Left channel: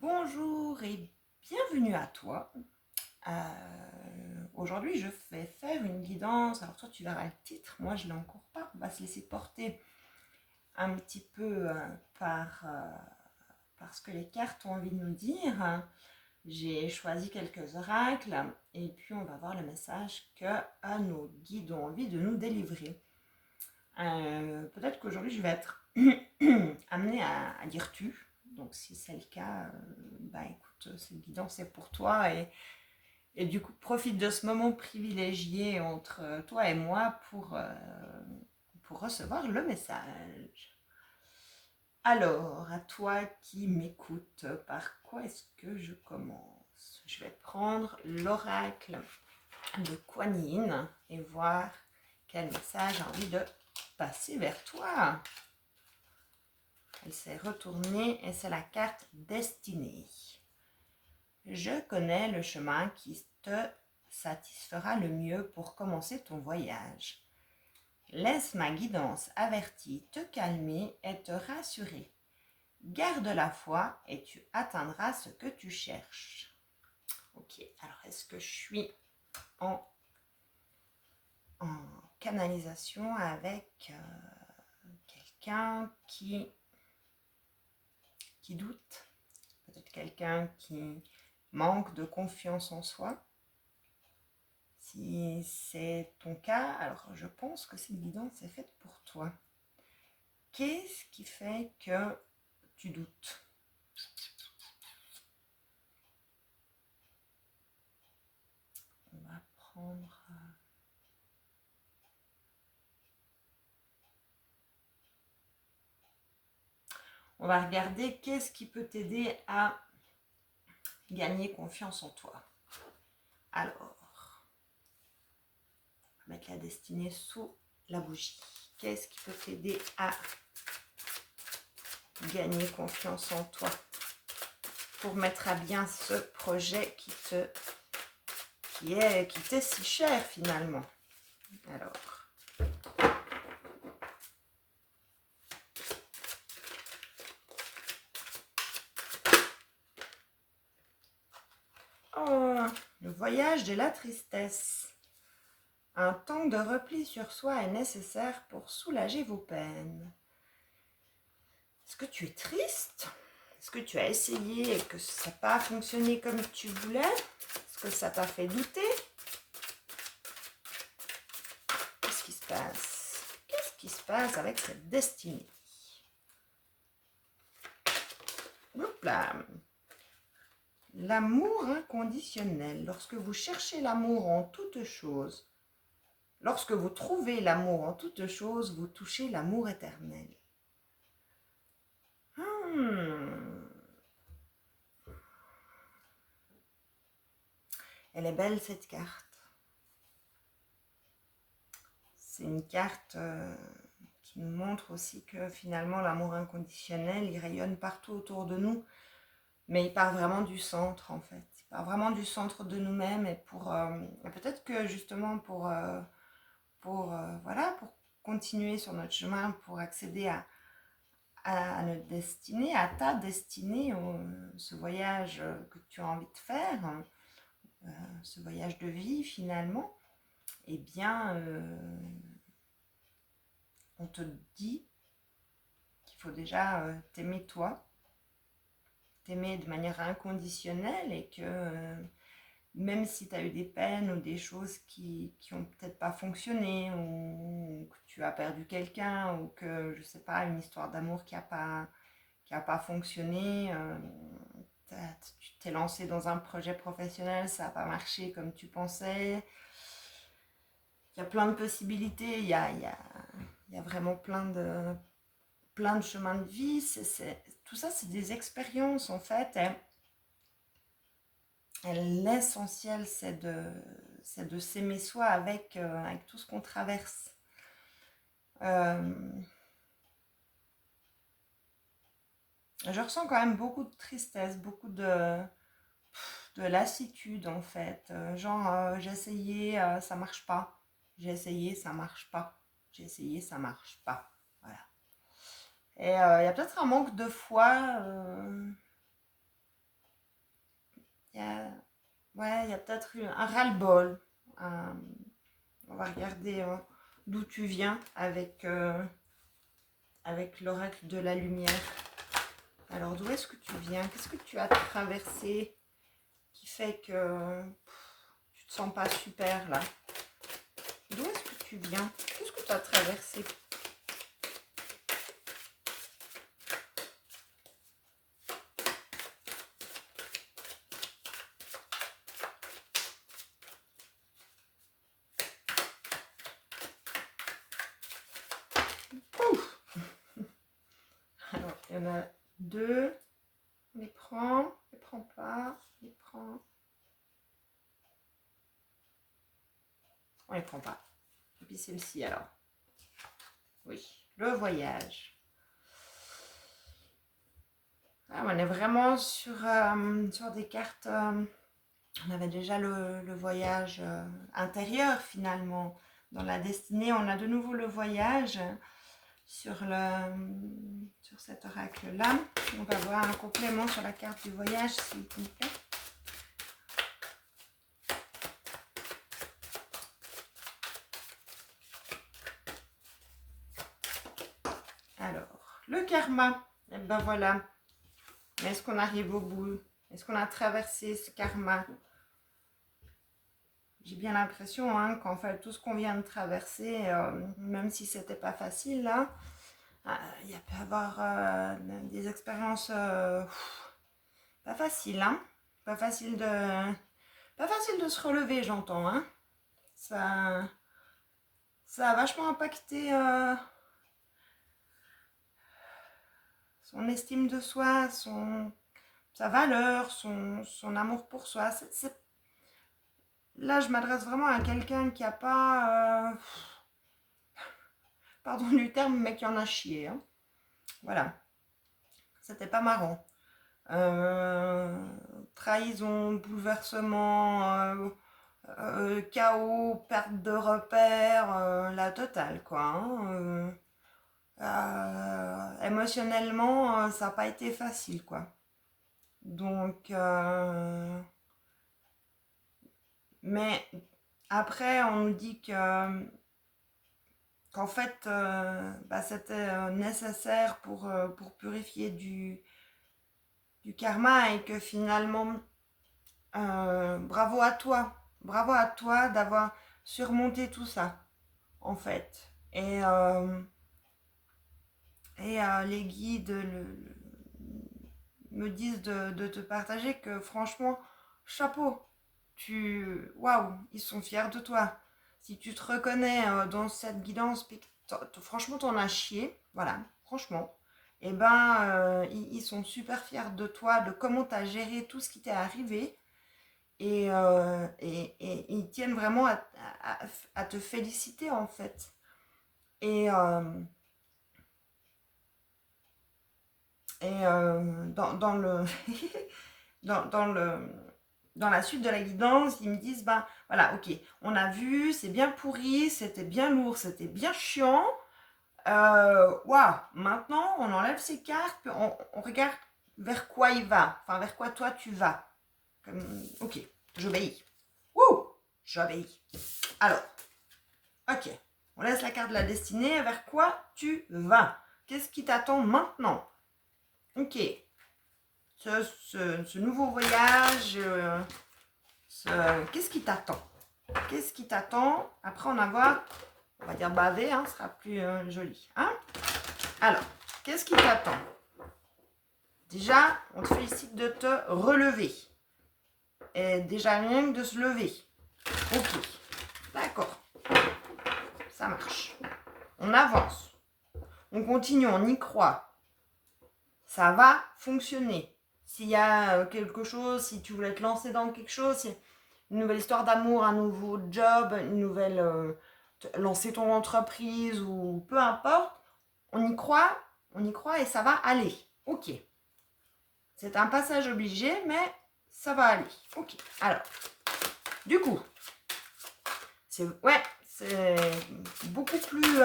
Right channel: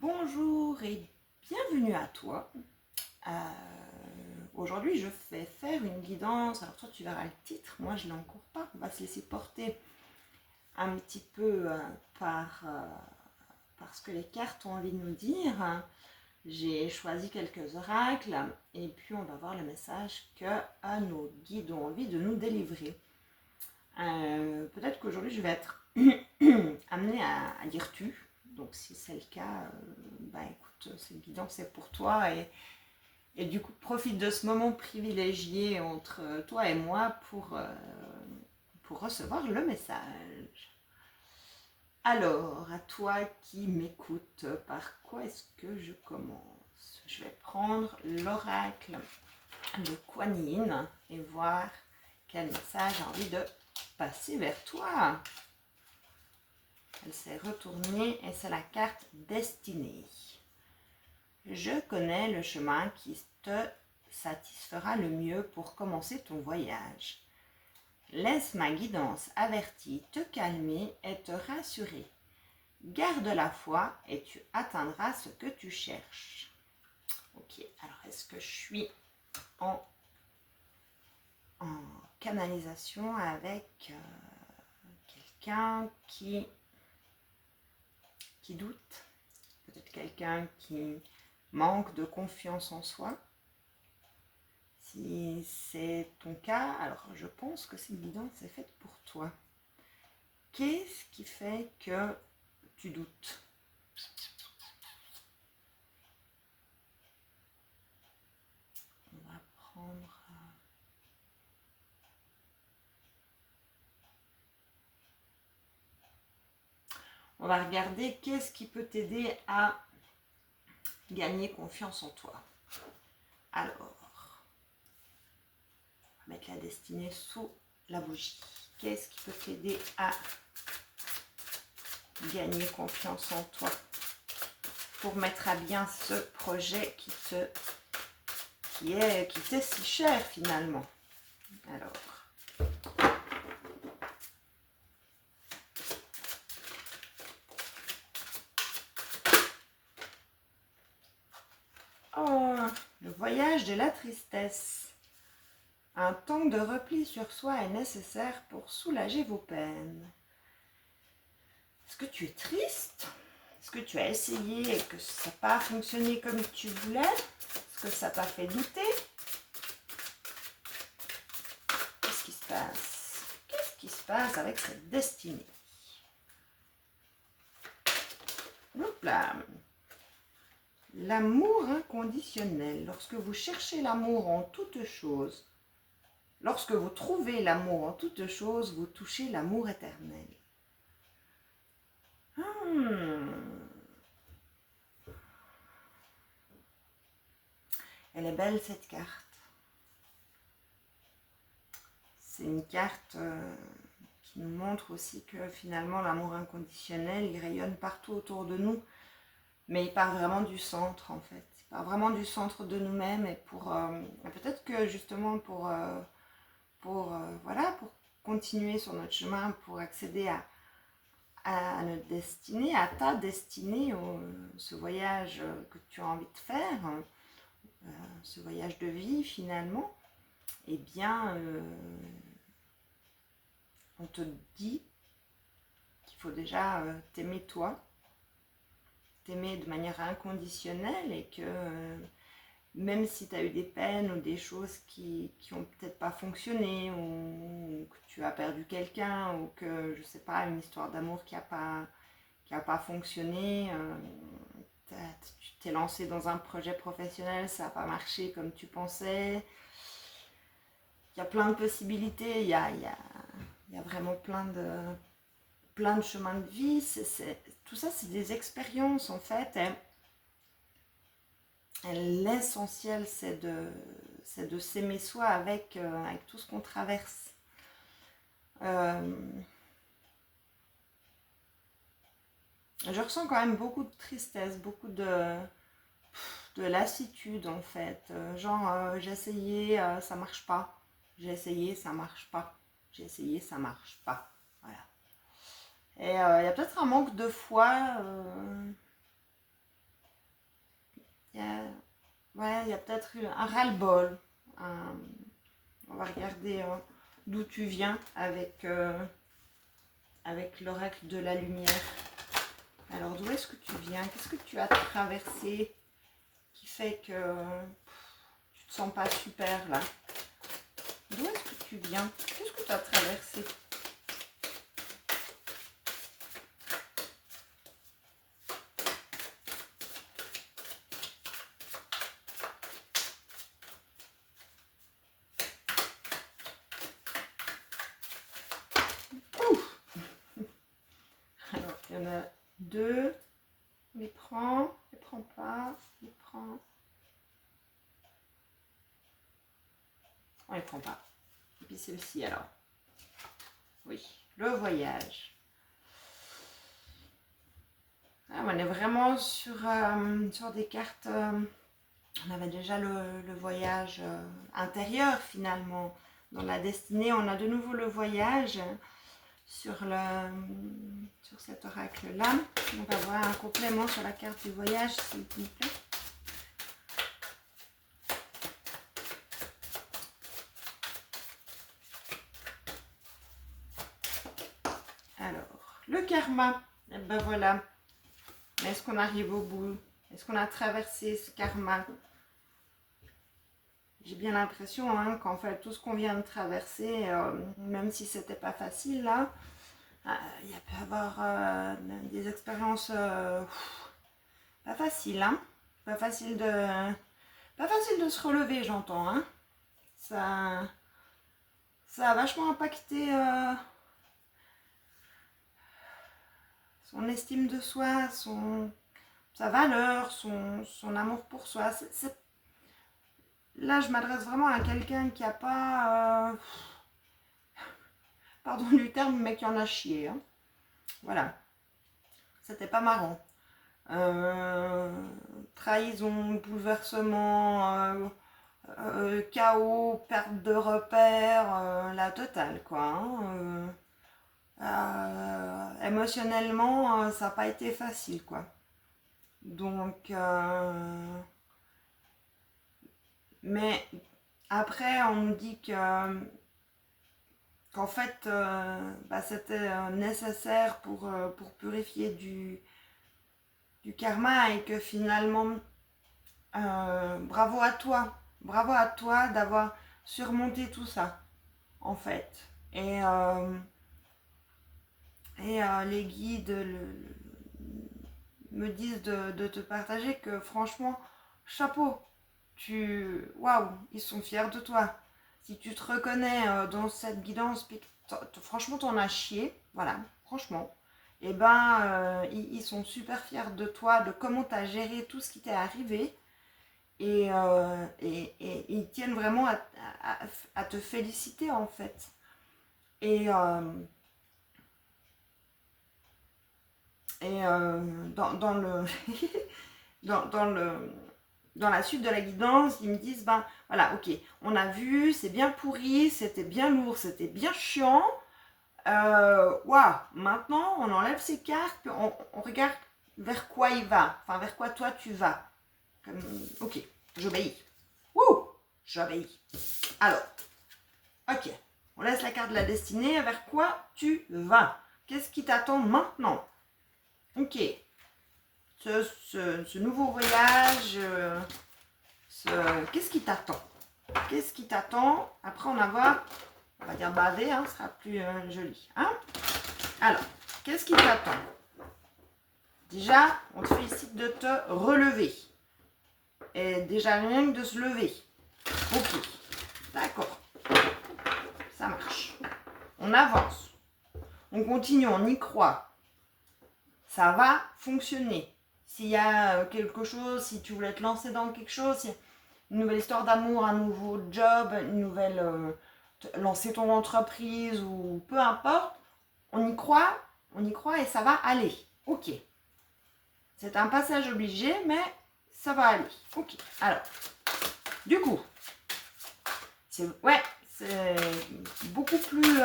Bonjour et bienvenue à toi. Aujourd'hui, je vais faire une guidance. Alors toi, tu verras le titre. Moi, je ne l'ai encore pas. On va se laisser porter un petit peu par ce que les cartes ont envie de nous dire. J'ai choisi quelques oracles et puis on va voir le message que nos guides ont envie de nous délivrer. Peut-être qu'aujourd'hui, je vais être amenée à dire tu. Donc si c'est le cas, écoute, cette guidance c'est pour toi et du coup profite de ce moment privilégié entre toi et moi pour recevoir le message. Alors, à toi qui m'écoute, par quoi est-ce que je commence? Je vais prendre l'oracle de Kuan Yin et voir quel message j'ai envie de passer vers toi. Elle s'est retournée et c'est la carte destinée. Je connais le chemin qui te satisfera le mieux pour commencer ton voyage. Laisse ma guidance avertie te calmer et te rassurer. Garde la foi et tu atteindras ce que tu cherches. Ok, alors est-ce que je suis en canalisation avec quelqu'un qui doute? Peut-être quelqu'un qui manque de confiance en soi. Si c'est ton cas, alors je pense que cette guidance est faite pour toi. Qu'est-ce qui fait que tu doutes? On va prendre... On va regarder qu'est-ce qui peut t'aider à gagner confiance en toi. Alors, on va mettre la destinée sous la bougie. Qu'est-ce qui peut t'aider à gagner confiance en toi pour mettre à bien ce projet qui t'est si cher finalement? Alors, oh, le voyage de la tristesse. Un temps de repli sur soi est nécessaire pour soulager vos peines. Est-ce que tu es triste? Est-ce que tu as essayé et que ça n'a pas fonctionné comme tu voulais? Est-ce que ça t'a fait douter? Qu'est-ce qui se passe? Qu'est-ce qui se passe avec cette destinée? Hop là. L'amour inconditionnel. Lorsque vous cherchez l'amour en toutes choses, lorsque vous trouvez l'amour en toutes choses, vous touchez l'amour éternel. Elle est belle cette carte. C'est une carte qui nous montre aussi que finalement l'amour inconditionnel, il rayonne partout autour de nous, mais il part vraiment du centre en fait. Il part vraiment du centre de nous-mêmes et peut-être que justement pour continuer sur notre chemin, pour accéder à notre destinée, à ta destinée, ce voyage que tu as envie de faire, ce voyage de vie finalement, eh bien, on te dit qu'il faut déjà t'aimer toi, t'aimer de manière inconditionnelle et que même si tu as eu des peines ou des choses qui ont peut-être pas fonctionné ou que tu as perdu quelqu'un ou que, je sais pas, une histoire d'amour qui a pas fonctionné, tu t'es lancé dans un projet professionnel, ça n'a pas marché comme tu pensais. Il y a plein de possibilités, il y a vraiment plein de chemins de vie. Tout ça, c'est des expériences en fait. L'essentiel, c'est de s'aimer soi avec tout ce qu'on traverse. Je ressens quand même beaucoup de tristesse, beaucoup de lassitude en fait. J'ai essayé, ça marche pas. J'ai essayé, ça marche pas. J'ai essayé, ça marche pas. Voilà. Et il y a peut-être un manque de foi ouais, il y a peut-être un ras-le-bol. On va regarder d'où tu viens avec l'oracle de la lumière. Alors, d'où est-ce que tu viens? Qu'est-ce que tu as traversé qui fait que tu te sens pas super là? D'où est-ce que tu viens? Qu'est-ce que tu as traversé? Ouf. Alors, il y en a deux. On les prend pas, on les prend. On les prend pas. Et puis celle-ci alors. Oui, le voyage. Ah, on est vraiment sur des cartes. On avait déjà le voyage intérieur finalement. Dans la destinée, on a de nouveau le voyage sur cet oracle-là. On va voir un complément sur la carte du voyage, s'il vous plaît. Alors, le karma. Et ben voilà. Est-ce qu'on arrive au bout? Est-ce qu'on a traversé ce karma? J'ai bien l'impression qu'en fait, tout ce qu'on vient de traverser, même si c'était pas facile, là, il y a pu avoir des expériences pas faciles, hein. Pas facile de se relever, j'entends, hein. Ça a vachement impacté son estime de soi, sa valeur, son amour pour soi. Là, je m'adresse vraiment à quelqu'un qui n'a pas, pardon du terme, mais qui en a chié, hein. Voilà, c'était pas marrant. Trahison, bouleversement, chaos, perte de repères, la totale, quoi, hein. Émotionnellement, ça n'a pas été facile, quoi. Donc, mais après, on nous dit qu'en fait, c'était nécessaire pour purifier du karma et que finalement, bravo à toi d'avoir surmonté tout ça, en fait. Et les guides me disent de te partager que franchement, chapeau, waouh, ils sont fiers de toi. Si tu te reconnais dans cette guidance, franchement, t'en as chié, voilà, franchement. Et ben, ils sont super fiers de toi, de comment tu as géré tout ce qui t'est arrivé. Et ils tiennent vraiment à te féliciter, en fait. Et, dans le dans la suite de la guidance, ils me disent, ben voilà, ok, on a vu, c'est bien pourri, c'était bien lourd, c'était bien chiant. Waouh, maintenant on enlève ces cartes, puis on regarde vers quoi il va, enfin vers quoi toi tu vas. Ok, j'obéis. Wouh, j'obéis. Alors, ok, on laisse la carte de la destinée, vers quoi tu vas? Qu'est-ce qui t'attend maintenant? Ok, ce nouveau voyage, qu'est-ce qui t'attend? Qu'est-ce qui t'attend après en avoir, on va dire bavé, ce sera plus joli. Hein? Alors, qu'est-ce qui t'attend? Déjà, on te félicite de te relever. Et déjà rien que de se lever. Ok, d'accord. Ça marche. On avance. On continue, on y croit. Ça va fonctionner. S'il y a quelque chose, si tu voulais te lancer dans quelque chose, une nouvelle histoire d'amour, un nouveau job, une nouvelle... lancer ton entreprise ou peu importe, on y croit et ça va aller. Ok. C'est un passage obligé, mais ça va aller. Ok. Alors, du coup, c'est beaucoup plus...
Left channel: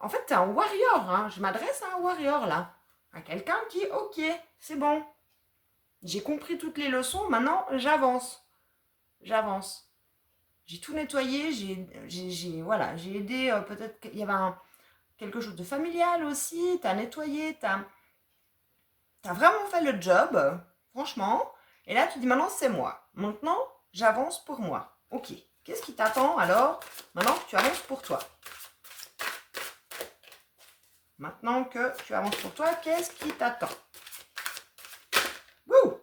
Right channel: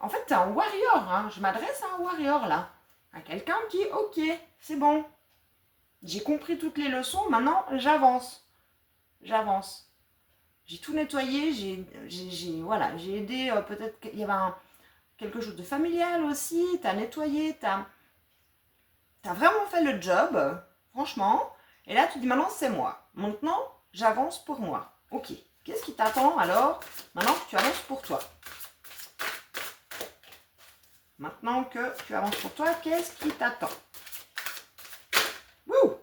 en fait, t'es un warrior. Hein. Je m'adresse à un warrior, là. à quelqu'un qui, ok, c'est bon, j'ai compris toutes les leçons, maintenant j'avance. J'avance. J'ai tout nettoyé, voilà, j'ai aidé, peut-être qu'il y avait quelque chose de familial aussi, t'as nettoyé, t'as vraiment fait le job, franchement. Et là, tu dis maintenant, c'est moi. Maintenant, j'avance pour moi. Ok, qu'est-ce qui t'attend alors maintenant que tu avances pour toi? Maintenant que tu avances pour toi, qu'est-ce qui t'attend? Wouh!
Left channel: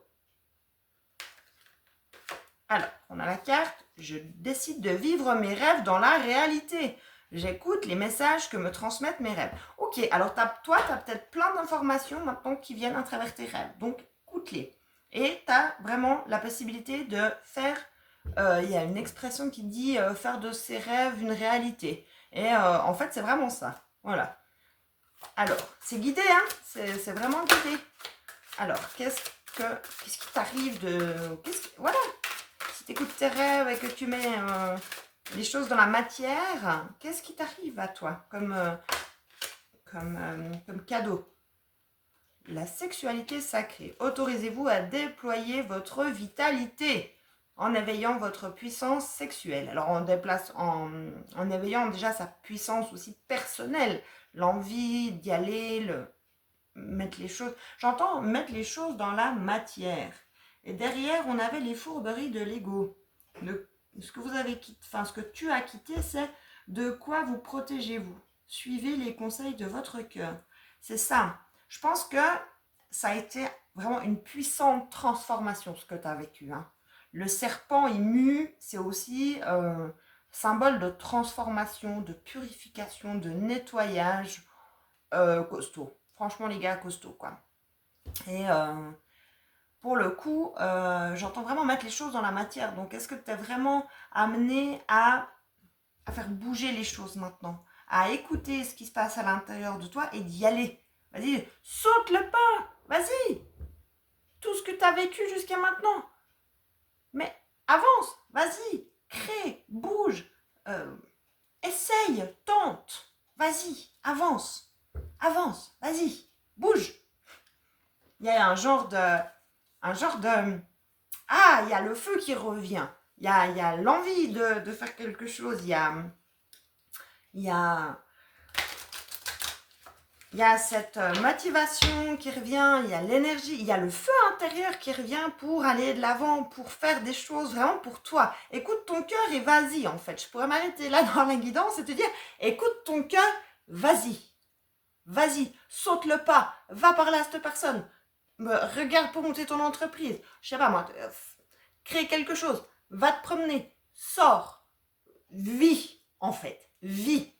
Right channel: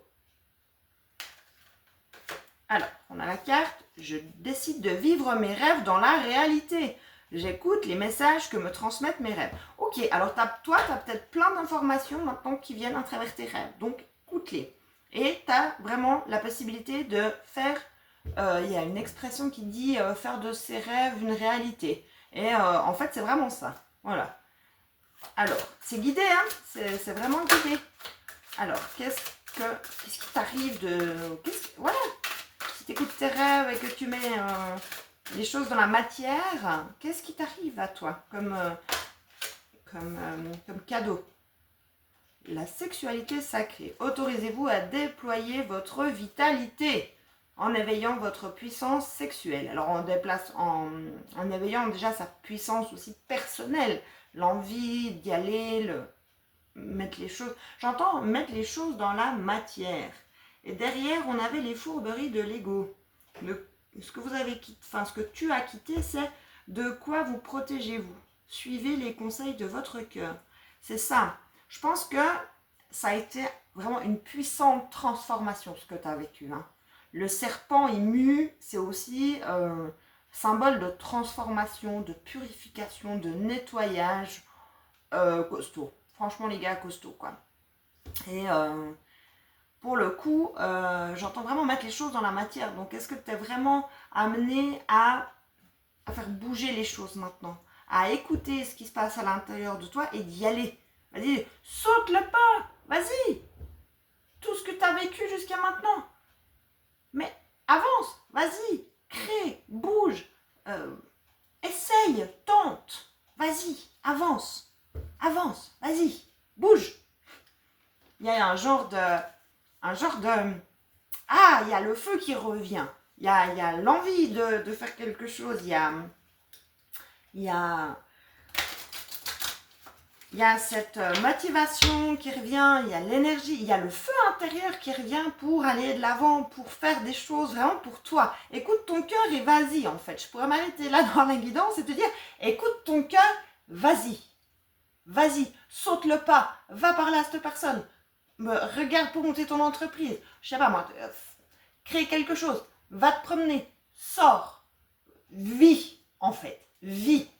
Alors, on a la carte. Je décide de vivre mes rêves dans la réalité. J'écoute les messages que me transmettent mes rêves. Ok, alors toi, tu as peut-être plein d'informations maintenant qui viennent à travers tes rêves. Donc, écoute-les. Et tu as vraiment la possibilité de faire, il y a une expression qui dit faire de ses rêves une réalité. Et en fait, c'est vraiment ça. Voilà. Alors, c'est guidé, hein? C'est vraiment guidé. Alors, qu'est-ce qui t'arrive de... Voilà, si tu écoutes tes rêves et que tu mets les choses dans la matière, qu'est-ce qui t'arrive à toi comme cadeau? La sexualité sacrée. Autorisez-vous à déployer votre vitalité en éveillant votre puissance sexuelle. Alors en éveillant déjà sa puissance aussi personnelle, l'envie d'y aller, mettre les choses. J'entends mettre les choses dans la matière. Et derrière, on avait les fourberies de l'ego. Ce que vous avez quitté, enfin ce que tu as quitté, c'est de quoi vous protégez-vous. Suivez les conseils de votre cœur. C'est ça. Je pense que ça a été vraiment une puissante transformation ce que tu as vécu. Hein. Le serpent, il mue, c'est aussi symbole de transformation, de purification, de nettoyage costaud. Franchement, les gars, costaud, quoi. Et pour le coup, j'entends vraiment mettre les choses dans la matière. Donc, est-ce que tu es vraiment amené à faire bouger les choses maintenant? À écouter ce qui se passe à l'intérieur de toi et d'y aller. Vas-y, saute le pas. Vas-y. Tout ce que tu as vécu jusqu'à maintenant. Mais avance. Vas-y. Crée. Bouge. Essaye. Tente. Vas-y. Avance. Avance. Vas-y. Bouge. Il y a un genre de... Ah, il y a le feu qui revient. Il y a l'envie de faire quelque chose. Il y a cette motivation qui revient. Il y a l'énergie. Il y a le feu intérieur qui revient pour aller de l'avant, pour faire des choses vraiment pour toi. Écoute ton cœur et vas-y, en fait. Je pourrais m'arrêter là dans la guidance et te dire, écoute ton cœur, vas-y. Vas-y, saute le pas. Va parler à cette personne. Regarde pour monter ton entreprise. Je sais pas moi, crée quelque chose. Va te promener. Sors. Vis, en fait. Vis.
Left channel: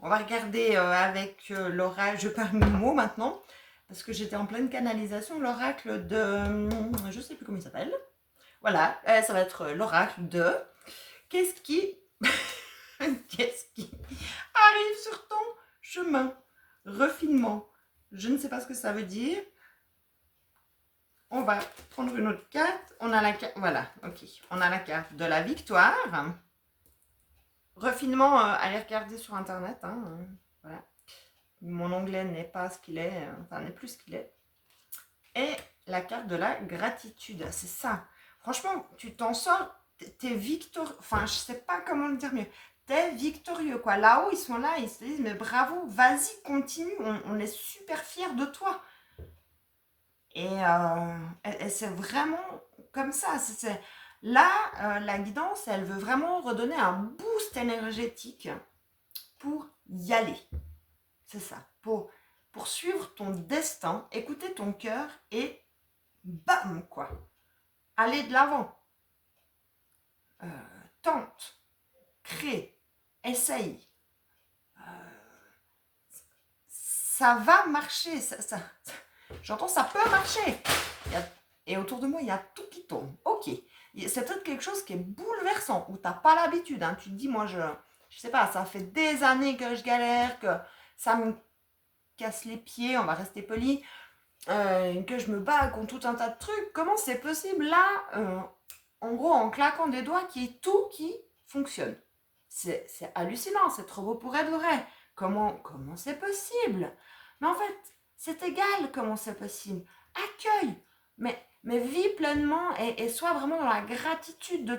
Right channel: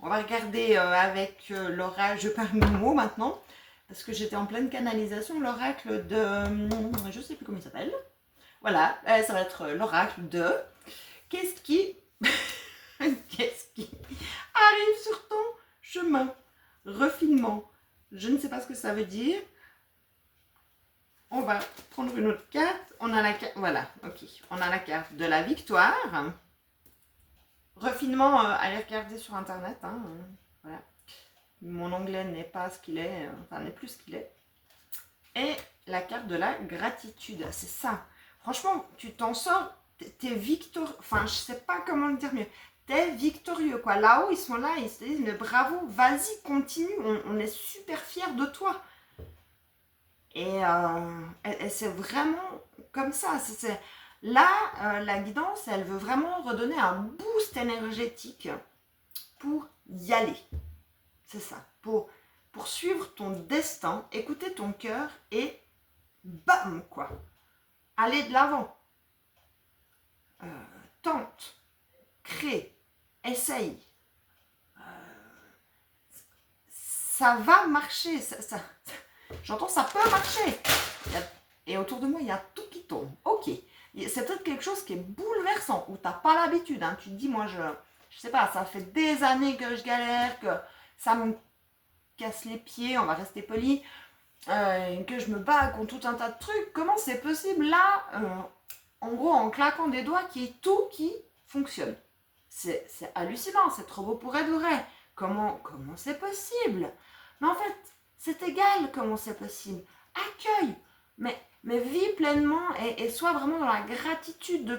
On va regarder avec l'oracle. Je perds mes mots maintenant. Parce que j'étais en pleine canalisation. L'oracle de... je sais plus comment il s'appelle. Voilà, ça va être l'oracle de... Qu'est-ce qui arrive sur ton chemin? Refinement. Je ne sais pas ce que ça veut dire. On va prendre une autre carte. On a la carte, voilà, ok. On a la carte de la victoire. Refinement, allez regarder sur internet. Hein, voilà. Mon anglais n'est pas ce qu'il est, enfin n'est plus ce qu'il est. Et la carte de la gratitude, c'est ça. Franchement, tu t'en sors, t'es victorieux. Enfin, je sais pas comment le dire mieux. T'es victorieux, quoi. Là-haut, ils sont là, ils se disent, mais bravo, vas-y, continue. On est super fiers de toi. Et c'est vraiment comme ça. Là, la guidance, elle veut vraiment redonner un boost énergétique pour y aller. C'est ça. Pour suivre ton destin, écouter ton cœur et bam, quoi. Aller de l'avant. Tente. Crée. Essaye. Ça va marcher. J'entends ça peut marcher. Et autour de moi, il y a tout qui tombe. Ok. C'est peut-être quelque chose qui est bouleversant, où tu n'as pas l'habitude. Hein. Tu te dis, moi, je sais pas, ça fait des années que je galère, que ça me casse les pieds, on va rester poli, que je me bats contre tout un tas de trucs. Comment c'est possible là, en gros, en claquant des doigts, qu'il y ait tout qui fonctionne? C'est hallucinant, c'est trop beau pour être vrai. Comment c'est possible? Mais en fait, C'est égal comment c'est possible. Accueille, mais vis pleinement et sois vraiment dans la gratitude de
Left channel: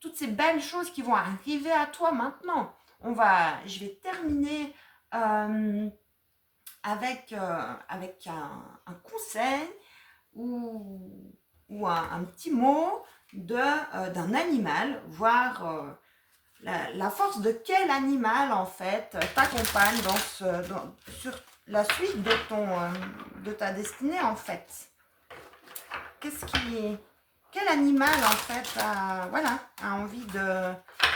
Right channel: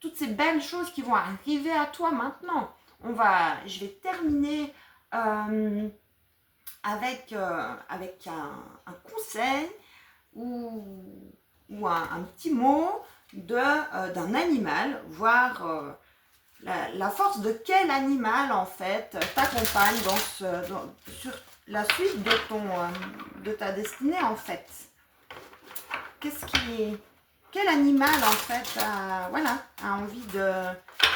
toutes ces belles choses qui vont arriver à toi maintenant. Je vais terminer avec un conseil ou un petit mot d'un animal, voir la force de quel animal en fait t'accompagne sur la suite de ta destinée en fait. Quel animal en fait a envie de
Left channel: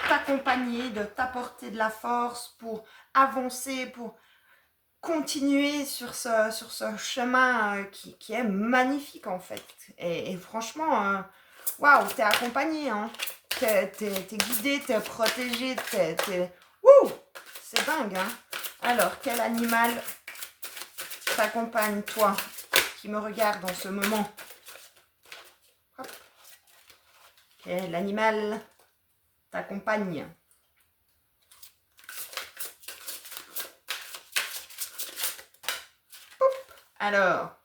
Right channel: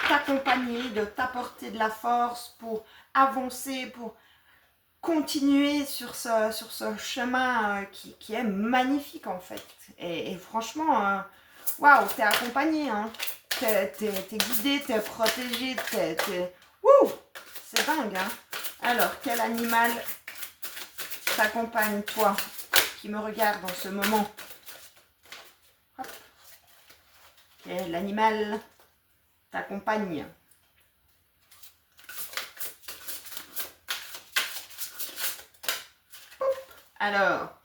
t'accompagner, de t'apporter de la force pour avancer, pour continuer sur ce chemin qui est magnifique en fait. Et franchement, waouh, t'es accompagné, hein. T'es guidé, t'es protégé, Ouh, c'est dingue, hein. Alors, quel animal t'accompagne, toi, qui me regarde en ce moment? Hop. Quel animal t'accompagne? Alors,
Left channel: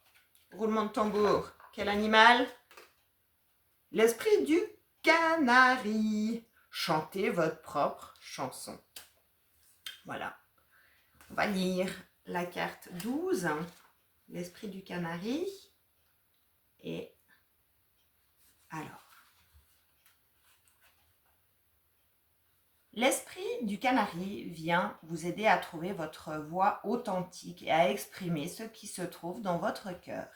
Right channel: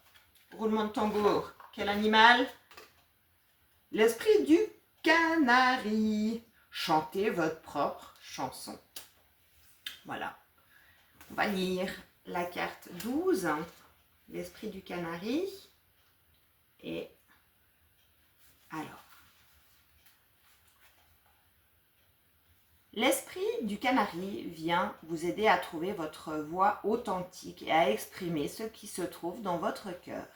roulement de tambour. Quel animal? L'esprit du canari. Chantez votre propre chanson. Voilà. On va lire la carte 12. L'esprit du canari. Et alors. L'esprit du canari vient vous aider à trouver votre voix authentique et à exprimer ce qui se trouve dans votre cœur.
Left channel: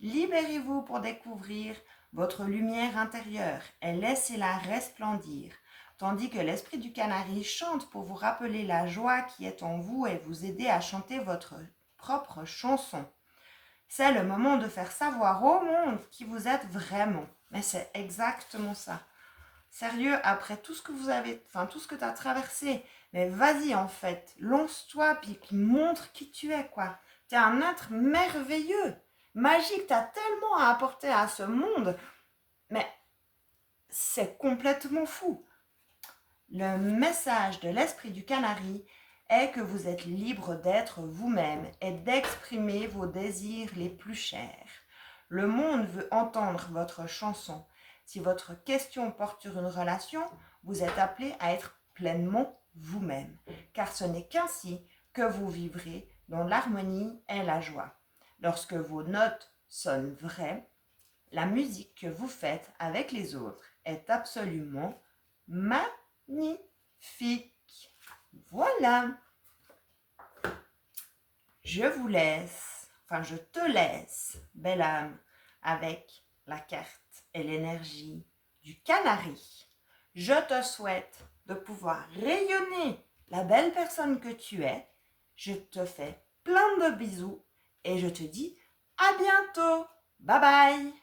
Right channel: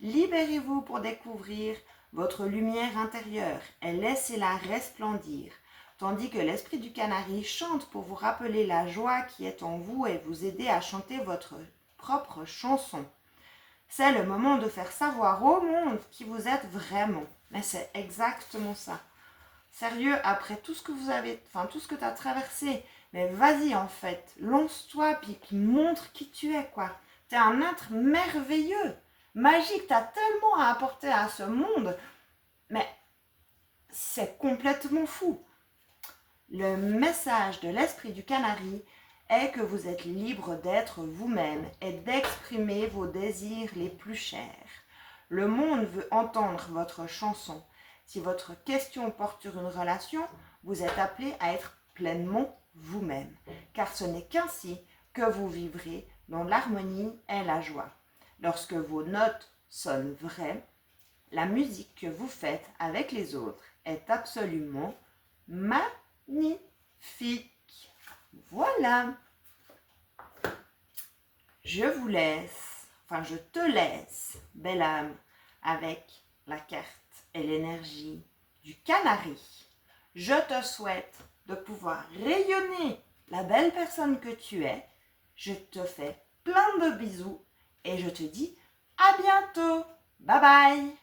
Libérez-vous pour découvrir votre lumière intérieure et laissez-la resplendir, tandis que l'esprit du canari chante pour vous rappeler la joie qui est en vous et vous aider à chanter votre propre chanson. C'est le moment de faire savoir au monde qui vous êtes vraiment. Mais c'est exactement ça. Sérieux, après tout ce que tout ce que tu as traversé, mais vas-y en fait, lance-toi, puis montre qui tu es, quoi. Tu es un être merveilleux, magique, tu as tellement à apporter à ce monde, mais c'est complètement fou. Le message de l'esprit du canari est que vous êtes libre d'être vous-même et d'exprimer vos désirs les plus chers. Le monde veut entendre votre chanson. Si votre question porte sur une relation, vous êtes appelé à être pleinement vous-même, car ce n'est qu'ainsi que vous vivrez dans l'harmonie et la joie. Lorsque vos notes sonnent vraies, la musique que vous faites avec les autres est absolument magnifique. Voilà. Je te laisse, belle âme, avec la carte et l'énergie du canari. Je te souhaite de pouvoir rayonner la belle personne que tu es. Je te fais plein de bisous et je te dis à bientôt. Bye bye.